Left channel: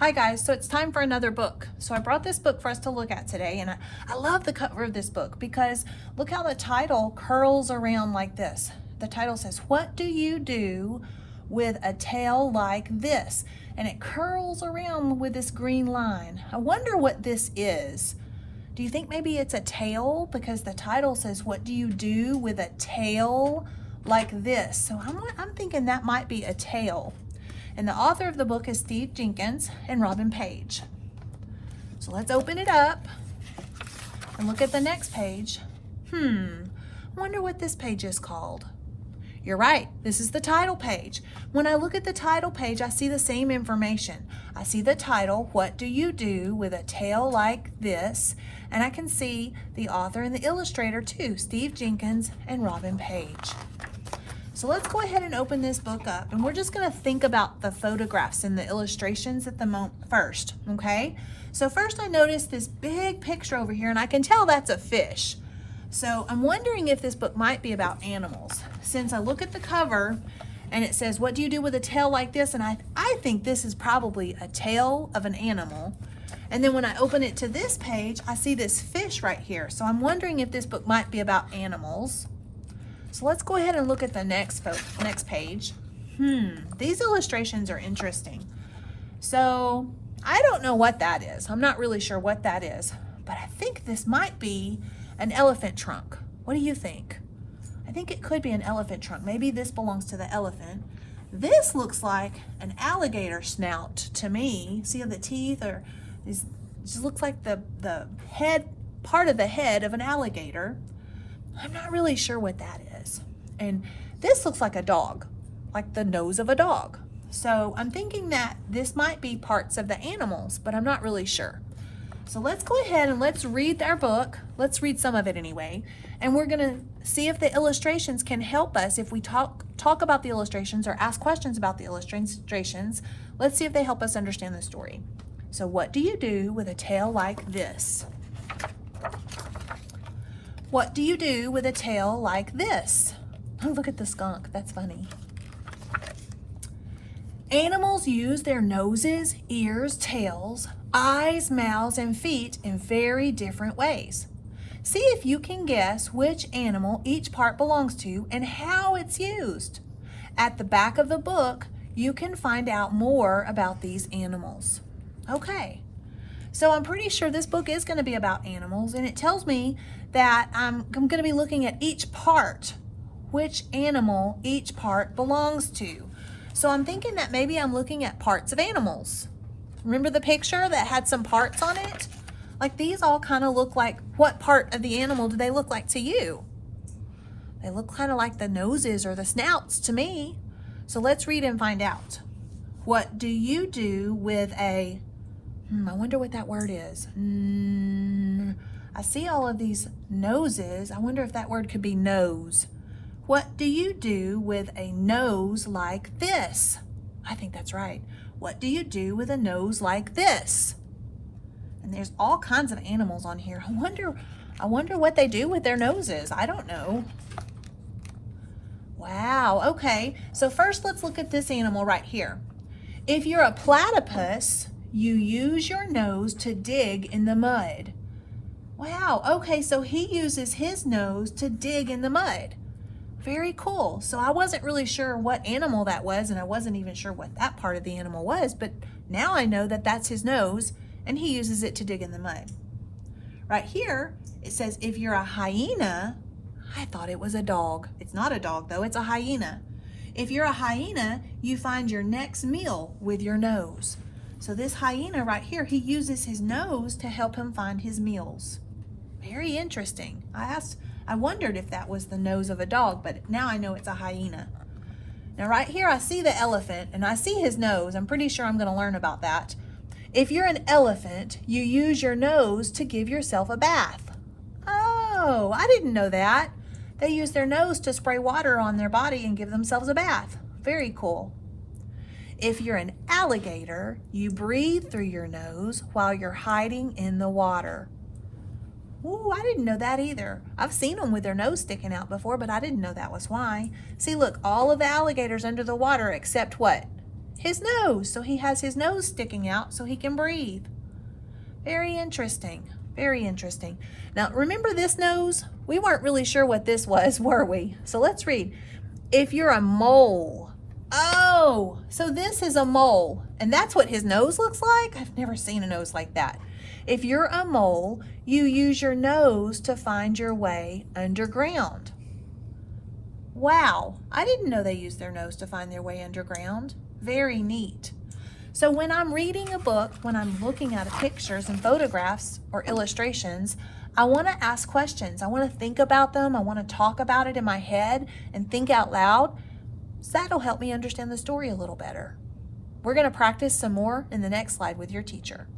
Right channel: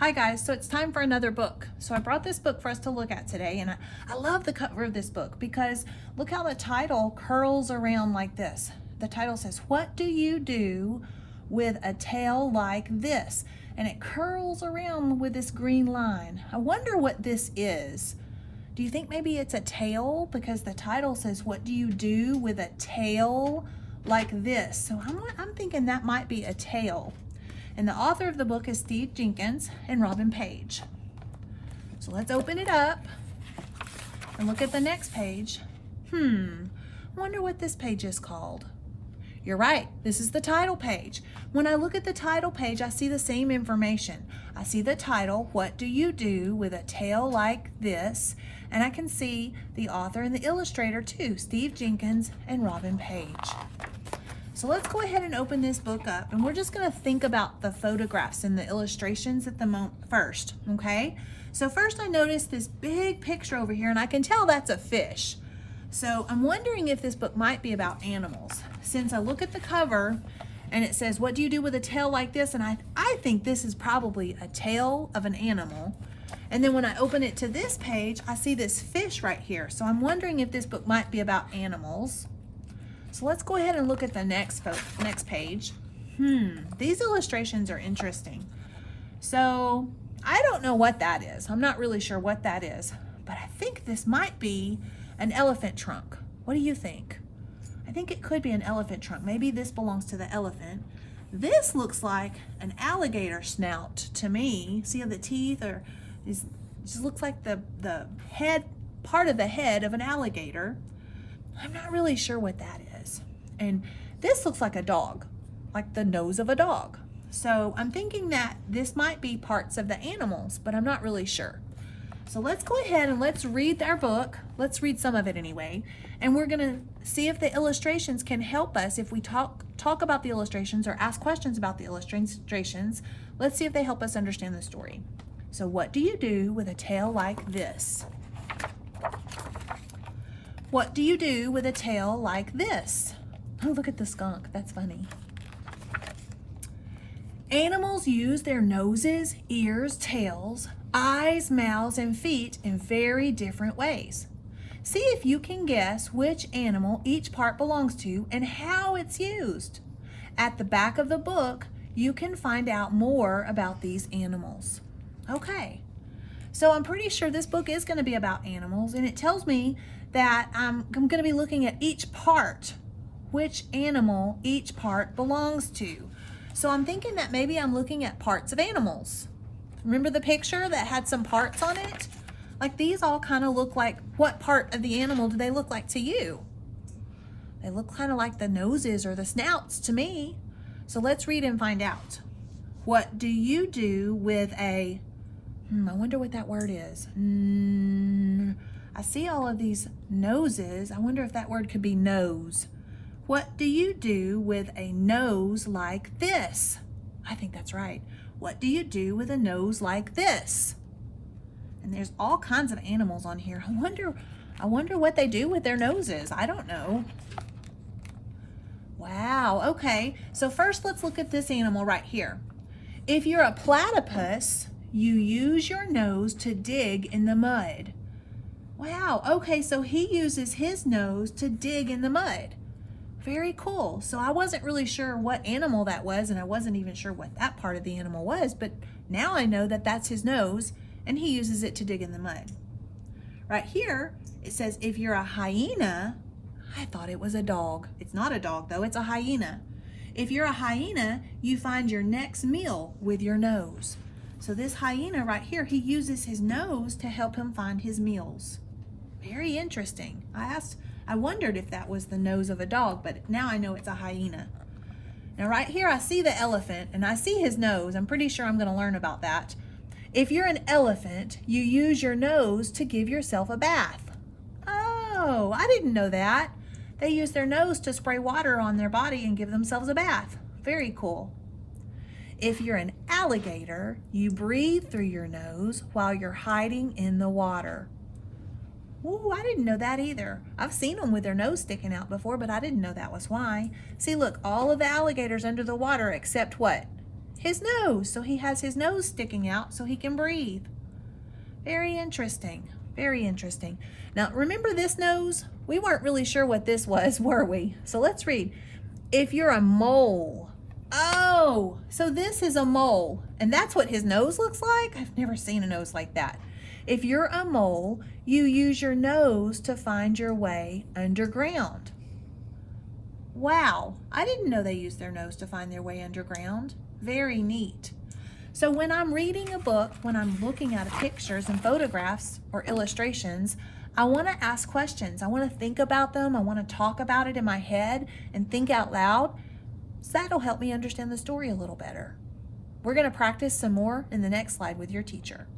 Hi guys, so it's time for another book. So I brought this book for us to look at today, and I love the cover of this book because look how the title curls around like this. The title says, "What do you do with a tail like this?" And it curls around with this green line. I wonder what this is. Do you think maybe it's a tail? Because the title says, "What do you do with a tail like this?" So I'm thinking that might be a tail. And the author of the book is Steve Jenkins and Robin Page. So let's open it up and look at the next page. Wonder what this page is called. You're right, this is the title page. When I look at the title page, I see the same information. I see the title, "What do you do with a tail like this?" And I can see the author and the illustrator too, Steve Jenkins and Robin Page. So let's go ahead and open this book up, and we're just going to think about the photographs and the illustrations at the moment first, okay? So first I noticed this big picture over here, and I can tell that's a fish. So I'm wondering if this book might be about animals. Since I look at the cover and it says, "What do you do with a tail like this?" And I think this is probably a tail of an animal. And then when I open it to this page, I see this fish right here. So I'm wondering if this book might be about animals. So let's go ahead and look at the next page. These illustrations are interesting. So I don't know what that is. I'm not really sure what that is, but I think this might be an elephant trunk. What do you think? I think it could be an elephant trunk. Maybe this belongs to the elephant. This looks like an alligator snout to me. See how the teeth are, it just looks like the head, part of the head of an alligator. I'm not really sure what that is. And this looks like a dog, like the nose of a dog. So I'm thinking that this might be parts of the animals, but I'm not really sure. So let's go ahead and let's read our book. Let's read some of it anyway. And we're gonna see if the illustrations can help us if we talk about the illustrations or ask questions about the illustrations. Let's see if they help us understand the story. So what do you do with a tail like this? What do you do with a tail like this? Oh, look at the skunk. That's funny. Animals use their noses, ears, tails, eyes, mouths, and feet in very different ways. See if you can guess which animal each part belongs to and how it's used. At the back of the book, you can find out more about these animals. Okay, so I'm pretty sure this book is going to be about animals, and it tells me that I'm going to be looking at each part, which animal each part belongs to. So I'm thinking that maybe I'm looking at parts of animals. Remember the picture that had some parts on it? Like these all kind of look like, what part of the animal do they look like to you? They look kind of like the noses or the snouts to me. So let's read and find out. What do you do with a, I wonder what that word is. I see all of these noses. I wonder if that word could be nose. What do you do with a nose like this? I think that's right. What do you do with a nose like this? And there's all kinds of animals on here. I wonder what they do with their noses. I don't know. Wow, okay. So first let's look at this animal right here. If you're a platypus, you use your nose to dig in the mud. Wow, okay, so he uses his nose to dig in the mud. Very cool. So I wasn't really sure what animal that was, and I wasn't even sure what that part of the animal was, but now I know that that's his nose, and he uses it to dig in the mud. Right here, it says if you're a hyena, I thought it was a dog. It's not a dog though, it's a hyena. If you're a hyena, you find your next meal with your nose. So this hyena right here, he uses his nose to help him find his meals. Very interesting. I wondered if that was the nose of a dog, but now I know it's a hyena. Now right here I see the elephant and I see his nose. I'm pretty sure I'm going to learn about that. If you're an elephant, you use your nose to give yourself a bath. Oh, I didn't know that. They use their nose to spray water on their body and give themselves a bath. Very cool. If you're an alligator, you breathe through your nose while you're hiding in the water. Ooh, I didn't know that either. I've seen them with their nose sticking out before, but I didn't know that was why. See, look, all of the alligators under the water except what? His nose. So he has his nose sticking out so he can breathe. Very interesting. Very interesting. Now, remember this nose? We weren't really sure what this was, were we? So let's read. If you're a mole. Oh, so this is a mole. And that's what his nose looks like? I've never seen a nose like that. If you're a mole, you use your nose to find your way underground. Wow, I didn't know they use their nose to find their way underground. Very neat. So when I'm reading a book, when I'm looking at pictures and photographs or illustrations, I want to ask questions. I want to think about them. I want to talk about it in my head and think out loud. So that'll help me understand the story a little better. We're going to practice some more in the next slide with your teacher.